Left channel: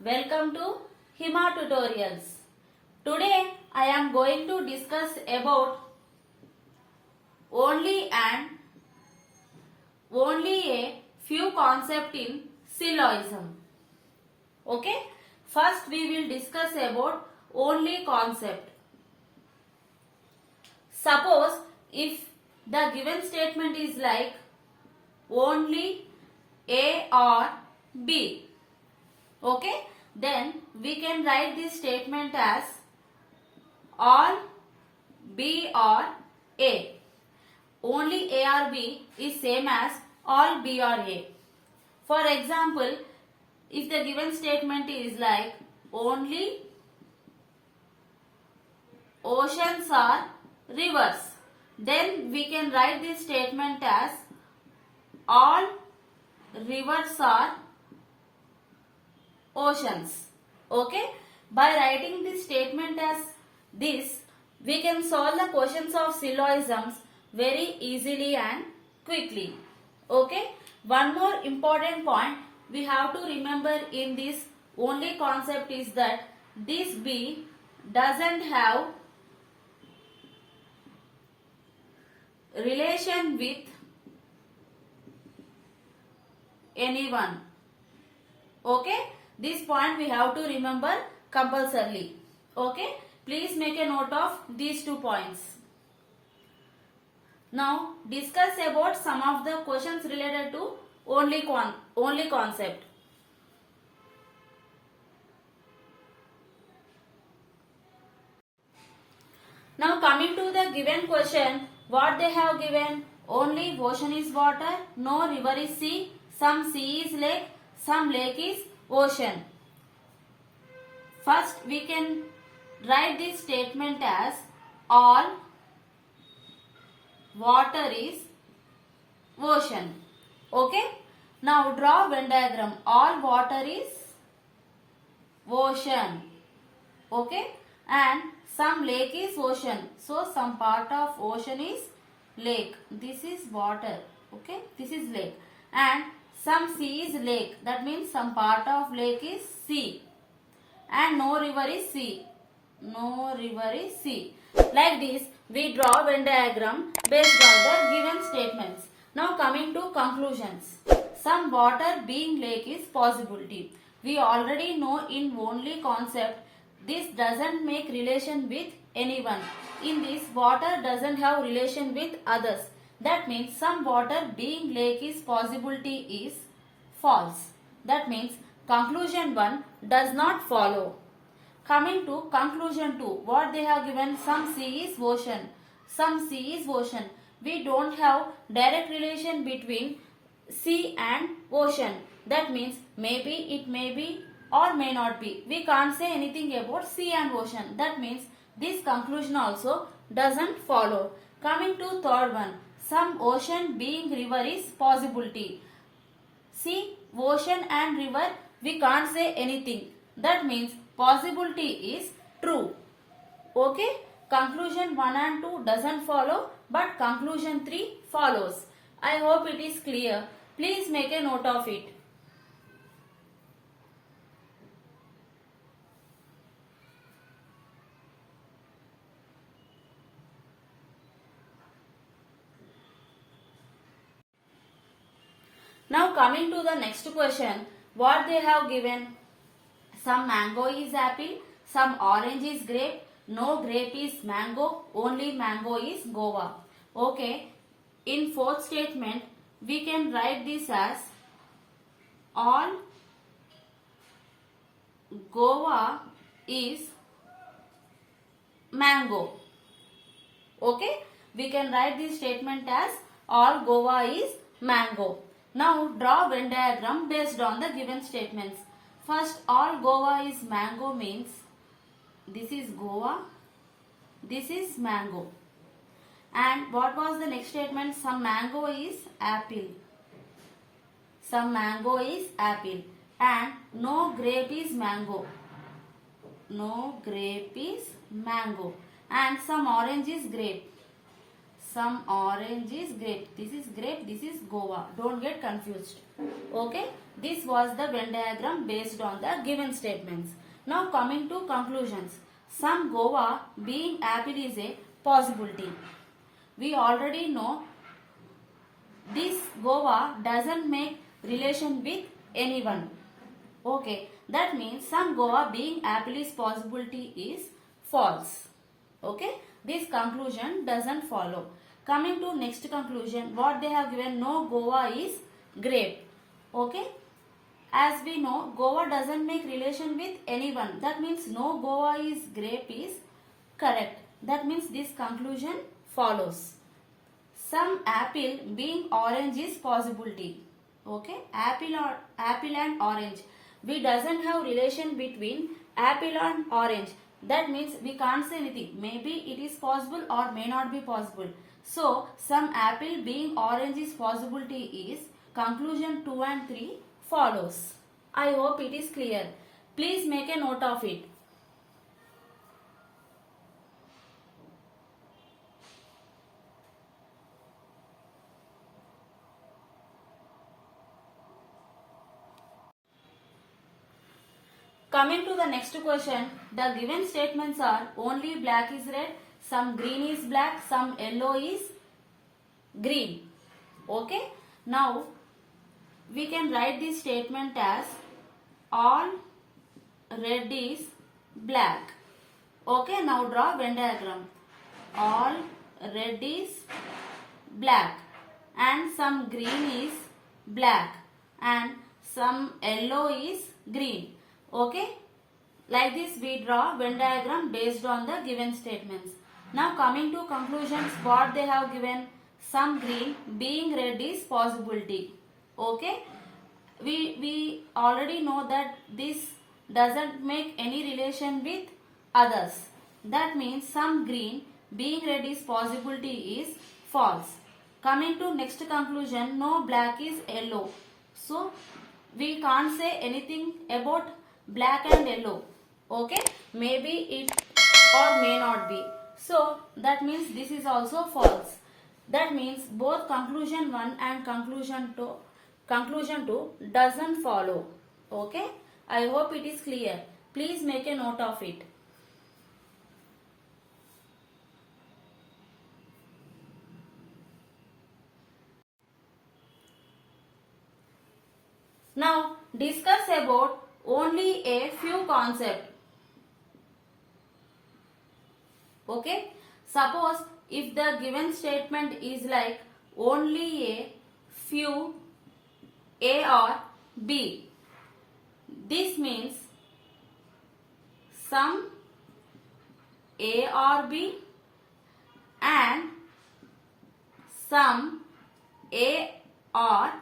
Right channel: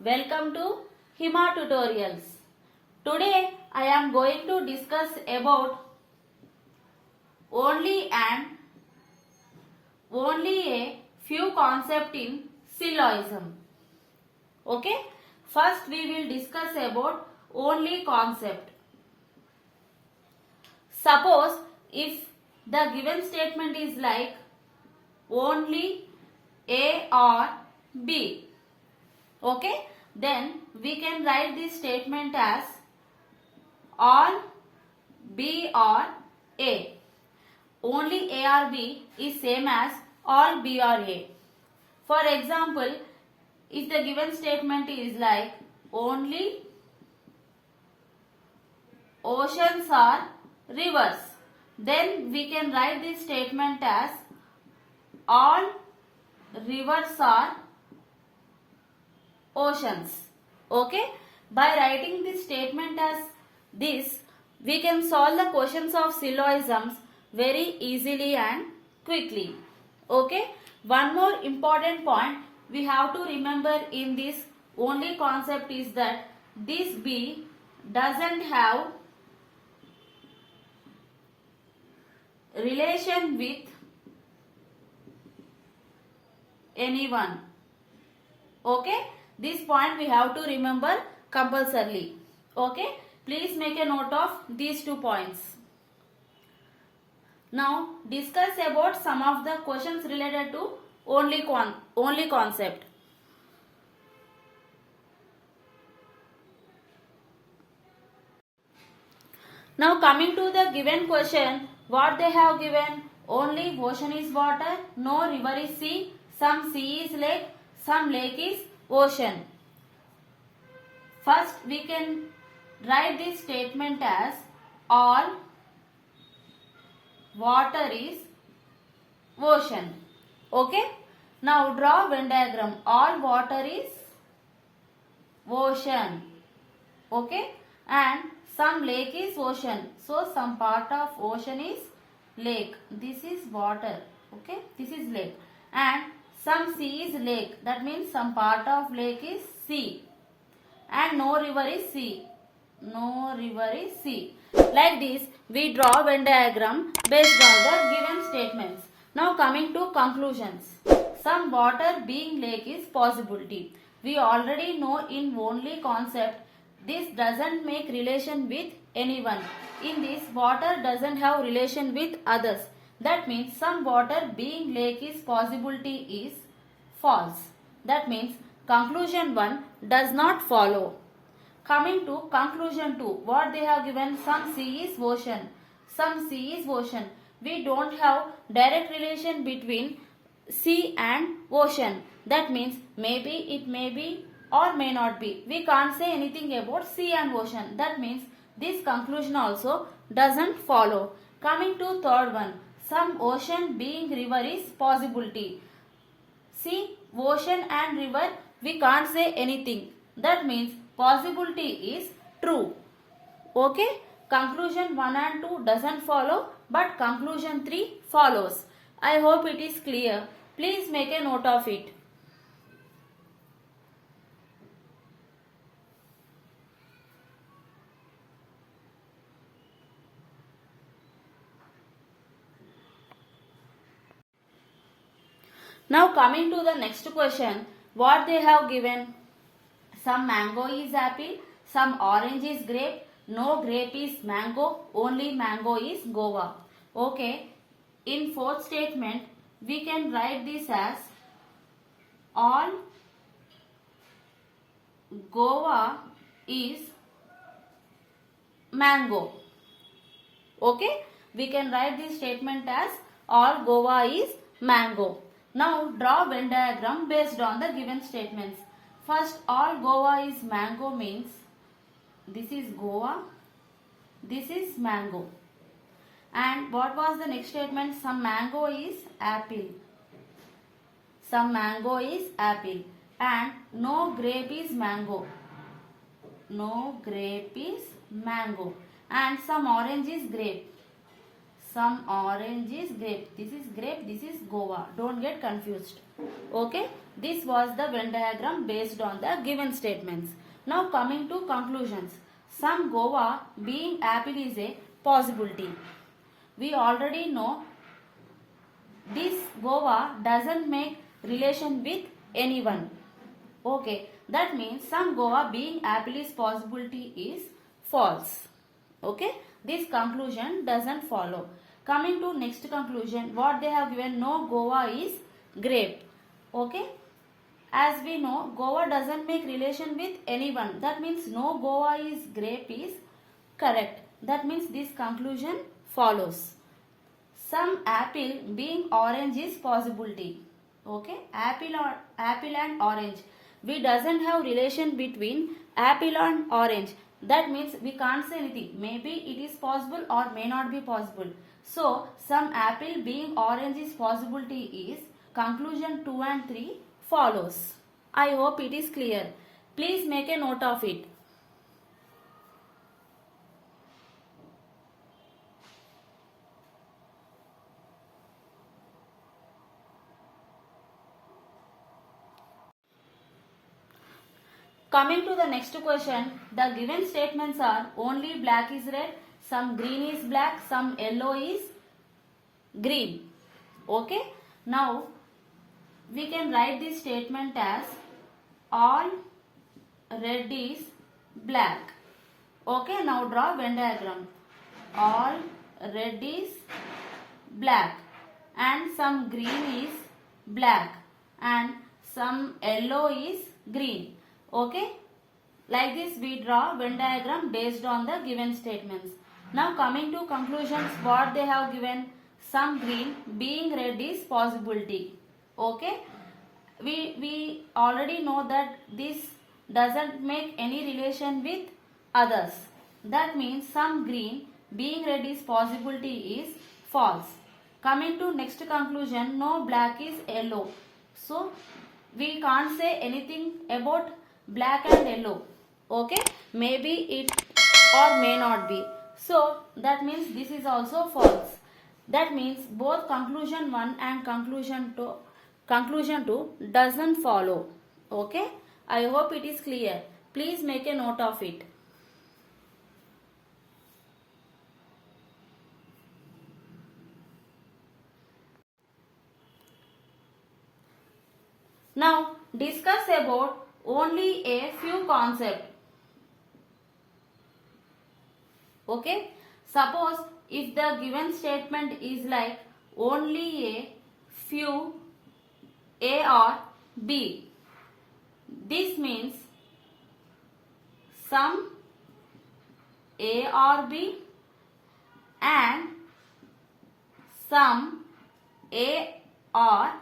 Welcome to Hima Tutorials. Today I am going to discuss about only a few concepts in syllogism. Okay? First we will discuss about only concept. Suppose if the given statement is like only A or B. Okay, then we can write this statement as all B or A. Only A or B is same as all B or A. For example, if the given statement is like only oceans or rivers, then we can write this statement as all rivers are oceans. Okay, by writing this statement as this, we can solve the questions of syllogisms very easily and quickly. Okay, one more important point we have to remember in this only concept is that this B doesn't have relation with anyone. Okay, this point we have to remember compulsorily. Okay, please make a note of these 2 points. Now discuss about some of the questions related to only concept. Now coming to the given question, what they have given: only ocean is water, no river is sea, some sea is lake, some lake is ocean. First we can write this statement as all water is ocean. Okay. Now draw Venn diagram. All water is ocean. Okay. And some lake is ocean. So some part of ocean is lake. This is water. Okay. This is lake. And some sea is lake. That means some part of lake is sea. And no river is sea. No river is sea. Like this, we draw Venn diagram based on the given statements. Now coming to conclusions. Some water being lake is possibility. We already know in only concept this doesn't make relation with anyone. In this, water doesn't have relation with others. That means some water being lake is possibility is false. That means conclusion 1 does not follow. Coming to conclusion 2, what they have given: some sea is ocean. Some sea is ocean. We don't have direct relation between sea and ocean. That means maybe it may be or may not be. We can't say anything about sea and ocean. That means this conclusion also doesn't follow. Coming to third one, some ocean being river is possibility. See, ocean and river, we can't say anything. That means possibility is true. Okay, conclusion 1 and 2 doesn't follow, but conclusion 3 follows. I hope it is clear. Please make a note of it. Now coming to the next question, what they have given: some mango is apple, some orange is grape, no grape is mango, only mango is guava. Okay, in fourth statement, we can write this as all guava is mango. Okay, we can write this statement as all guava is mango. Now draw Venn diagram based on the given statements. First, all guava is mango means this is guava, this is mango. And what was the next statement? Some mango is apple. Some mango is apple. And no grape is mango. No grape is mango. And some orange is grape. some orange is grape. This is grape, this is guava. Don't get confused. Okay, this was the Venn diagram based on the given statements. Now coming to conclusions. Some guava being apple is a possibility. We already know this guava doesn't make relation with anyone. Okay, that means some guava being apple is possibility is false. Okay, this conclusion doesn't follow. Coming to next conclusion, what they have given, no guava is grape. Okay, as we know, guava doesn't make relation with anyone. That means no guava is grape is correct. That means this conclusion follows. Some apple being orange is possibility. Okay, apple and orange. We doesn't have relation between apple and orange. That means we can't say anything. Maybe it is possible or may not be possible. So some apple being orange is possibility is conclusion 2 and 3 follows. I hope it is clear. Please make a note of it. Coming to the next question, the given statements are only black is red, some green is black, some yellow is green. Okay, now we can write this statement as all red is black. Okay, now draw Venn diagram. All red is black and some green is black and some yellow is green. Okay, like this we draw Venn diagram based on the given statements. Now coming to conclusions, what they have given, some green being red is possibility. Okay, we already know that this doesn't make any relation with others. That means some green being red is possibility is false. Coming to next conclusion, no black is yellow. So we can't say anything about black and yellow. Okay, maybe it or may not be. So that means this is also false. That means both conclusion 1 and conclusion 2 doesn't follow. Okay, I hope it is clear. Please make a note of it. Now discuss about only a few concepts. Okay, suppose if the given statement is like only a few A or B, this means some A or B and some A or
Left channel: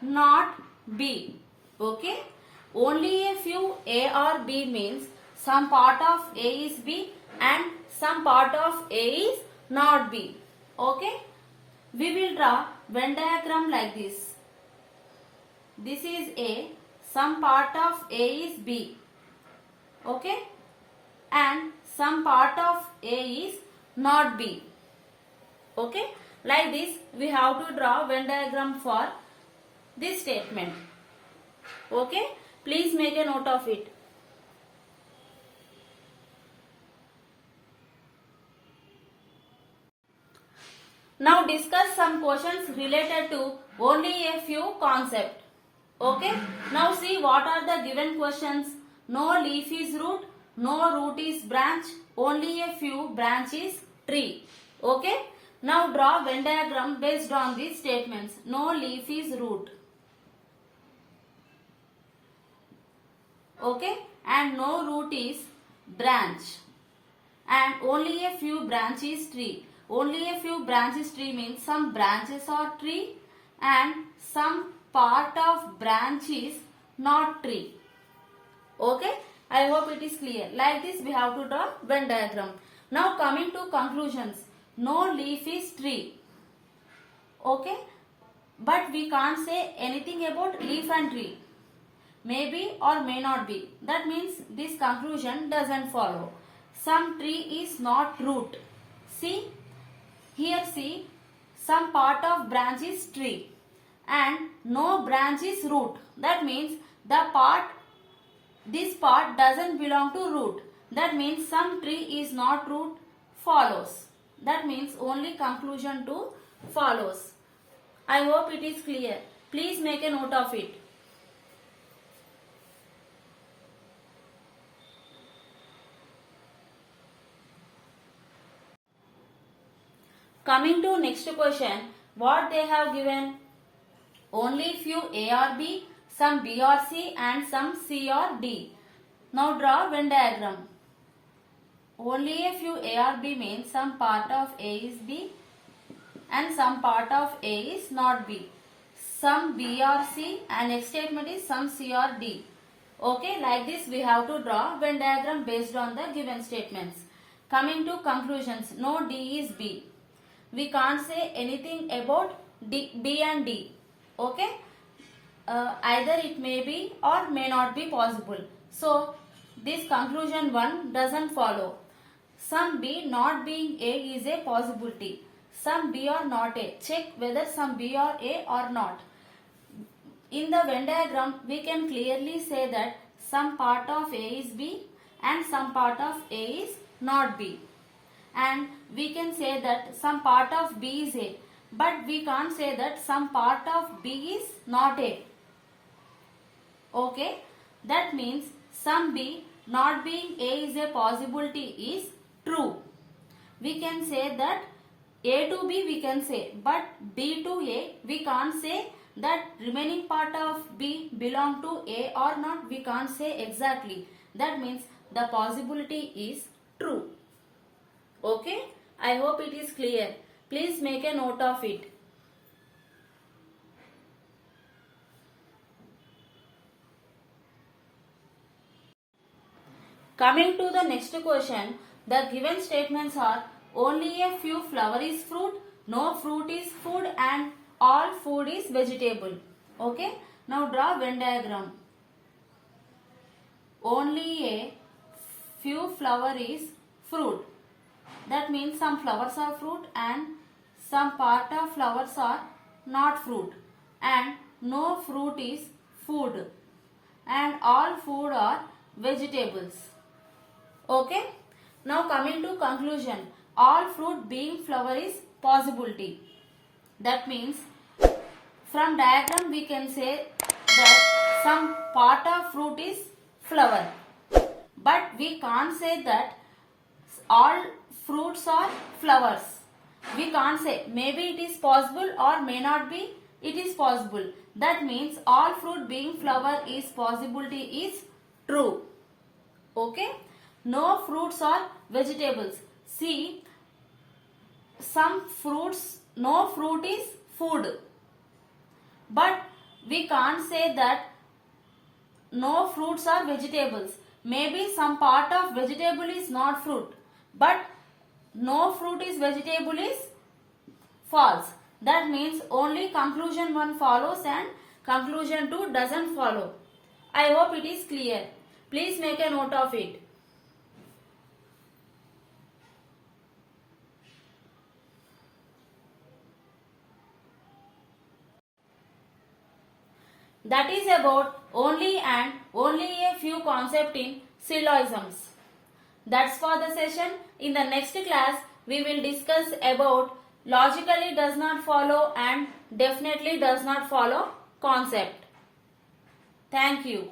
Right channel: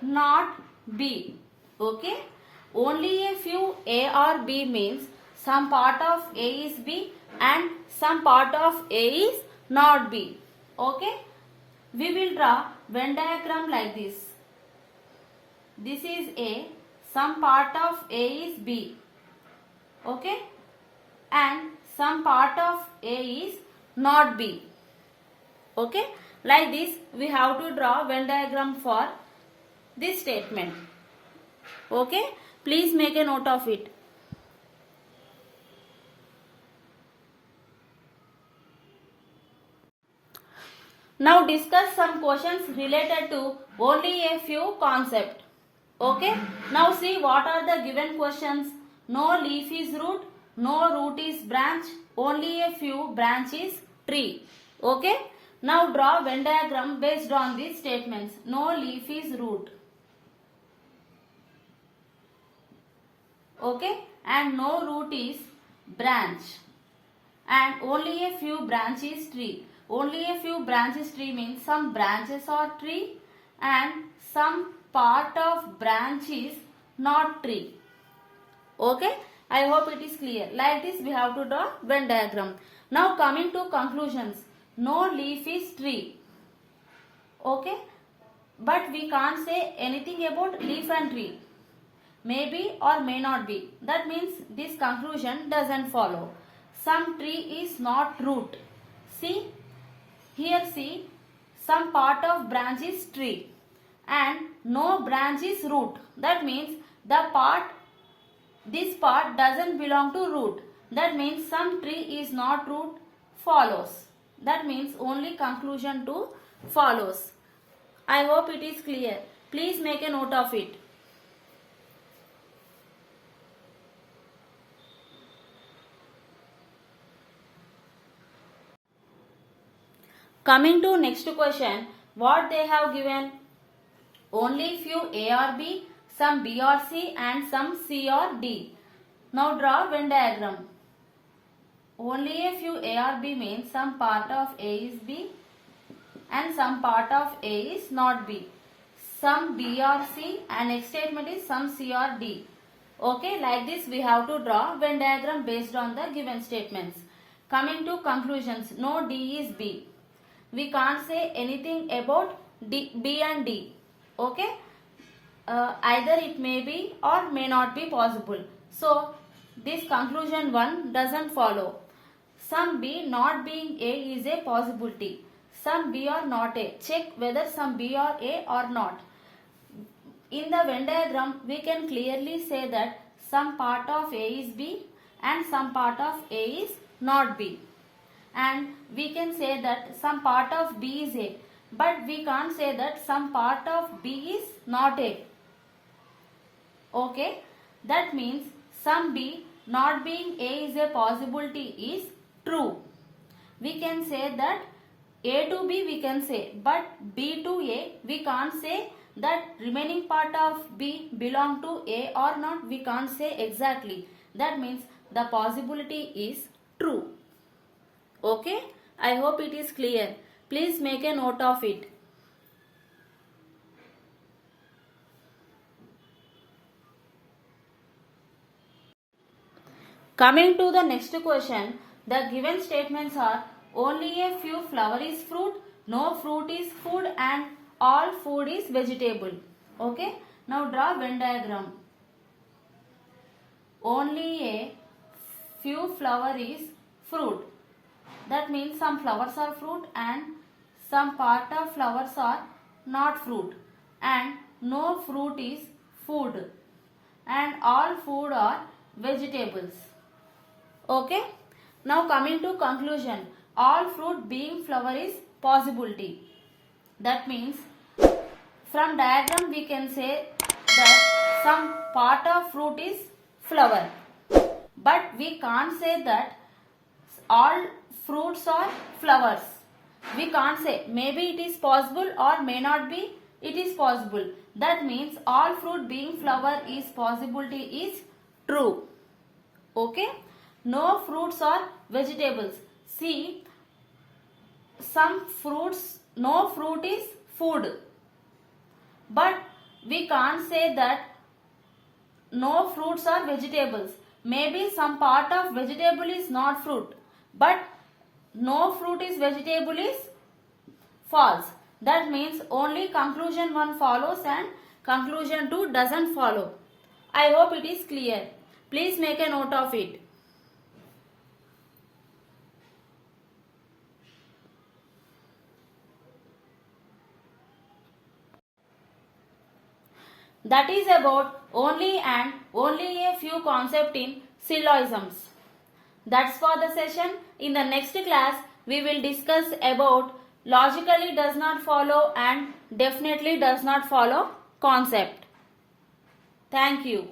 not B. Okay, only a few A or B means some part of A is B and some part of A is not B. Okay, we will draw Venn diagram like this. This is A, some part of A is B. Okay, and some part of A is not B. Okay, like this we have to draw Venn diagram for this statement. Okay, please make a note of it. Now discuss some questions related to only a few concepts. Okay, now see what are the given questions. No leaf is root, no root is branch, only a few branch is tree. Okay, now draw Venn diagram based on these statements. No leaf is root. Okay, and no root is branch and only a few branch is tree. Only a few branches tree means some branches are tree and some part of branch is not tree. Okay, I hope it is clear. Like this we have to draw Venn diagram. Now coming to conclusions. No leaf is tree. Okay, but we can't say anything about leaf and tree. Maybe or may not be. That means this conclusion doesn't follow. Some tree is not root. See, here see, some part of branch is tree and no branch is root. That means this part doesn't belong to root. That means some tree is not root follows. That means only conclusion 2 follows. I hope it is clear. Please make a note of it. Coming to next question, what they have given? Only few A or B, some B or C and some C or D. Now draw Venn diagram. Only a few A or B means some part of A is B and some part of A is not B. Some B or C and next statement is some C or D. Okay, like this we have to draw Venn diagram based on the given statements. Coming to conclusions, no D is B. We can't say anything about B and D. Okay, either it may be or may not be possible. So this conclusion 1 doesn't follow. Some B not being A is a possibility. Some B are not A. Check whether some B are A or not. In the Venn diagram, we can clearly say that some part of A is B and some part of A is not B. And we can say that some part of B is A. But we can't say that some part of B is not A. Okay. That means some B not being A is a possibility is true. We can say that A to B we can say, but B to A we can't say that remaining part of B belong to A or not. We can't say exactly. That means the possibility is true. Okay, I hope it is clear. Please make a note of it. Coming to the next question, the given statements are only a few flower is fruit, no fruit is food and all food is vegetable. Okay, now draw Venn diagram. Only a few flower is fruit. That means some flowers are fruit and some part of flowers are not fruit. And no fruit is food. And all food are vegetables. Okay. Now coming to conclusion. All fruit being flower is possibility. That means from diagram we can say that some part of fruit is flower. But we can't say that all fruits are flowers. We can't say. Maybe it is possible or may not be. It is possible. That means all fruit being flower is possibility is true. Okay. No fruits are vegetables. See, some fruits, no fruit is food. But we can't say that no fruits are vegetables. Maybe some part of vegetable is not fruit. But no fruit is vegetable is false. That means only conclusion 1 follows and conclusion 2 doesn't follow. I hope it is clear. Please make a note of it. That is about only and only a few concepts in syllogisms. That's for the session. In the next class, we will discuss about logically does not follow and definitely does not follow concept. Thank you.